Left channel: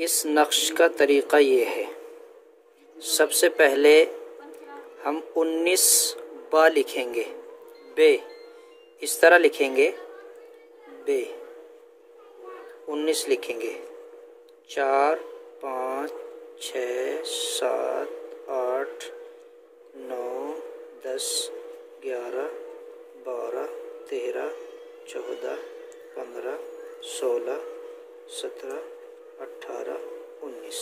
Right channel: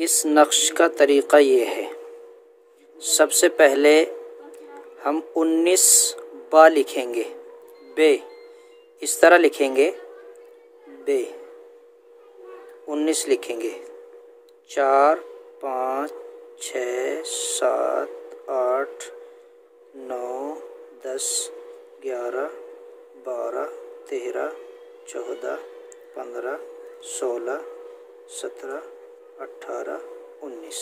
इस नक्श का तरीक़ा ये है, सबसे पहले हम 19 बा लिखेंगे, बे इस तरह लिखेंगे, बे 19 लिखेंगे, 4 5 6 7 8 9 10 11 12 13 14 15 16 17 18 19।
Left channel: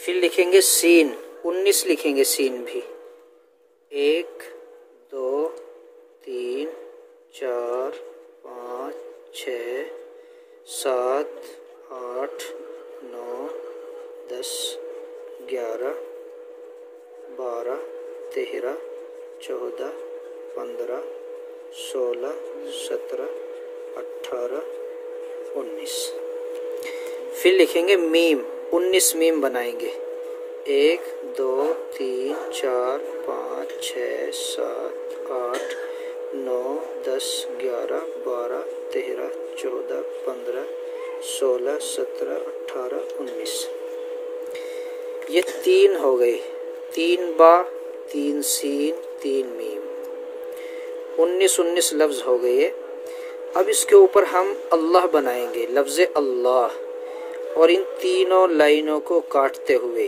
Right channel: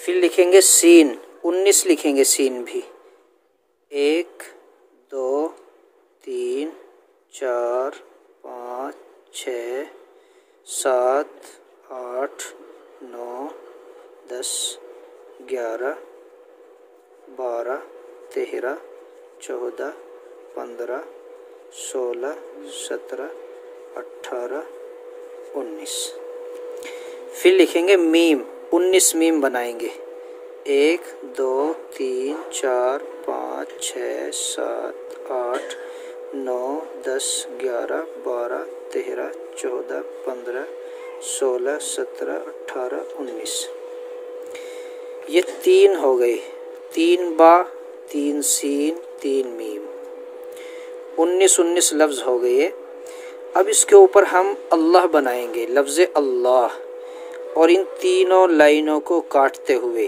फिर लिखेंगे सीन, 19 लिखेंगे सीन भी, 1 2 3 4 5 6 7 8 9 10 11 12 13 14 15 16 17 18 19। फिर लिखेंगे मीम, 19 मीम बनाएंगे, 1 2 3 4 5 6 7 8 9 10 11 12 13 14 15 16 17 18 19। ये 3 हो गए, 3 बा 3 सीन 3 मीम, 19 लफ्ज़ हो गए। अब इसके ऊपर हम अल्लाह बनाएंगे, लफ्ज़ अल्लाह, और इन तीनों लाइनों को काटते हुए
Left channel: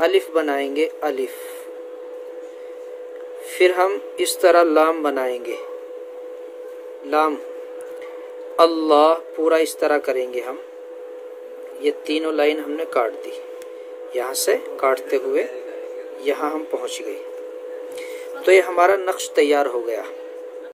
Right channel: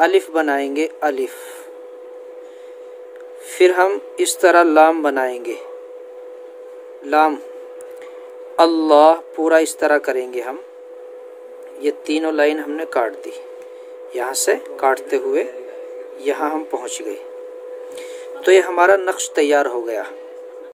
अलिफ बनाएंगे, अलिफ। फिर हम इस तरह लाम बनाएंगे, लाम, अल्लाह पूरा इस तरह करेंगे हम। ये तीनों लाइन हमने काट दी, यहाँ से काटते हुए यहाँ हम पहुँच गए। तो ये हमारा नक्श तैयार हो गया।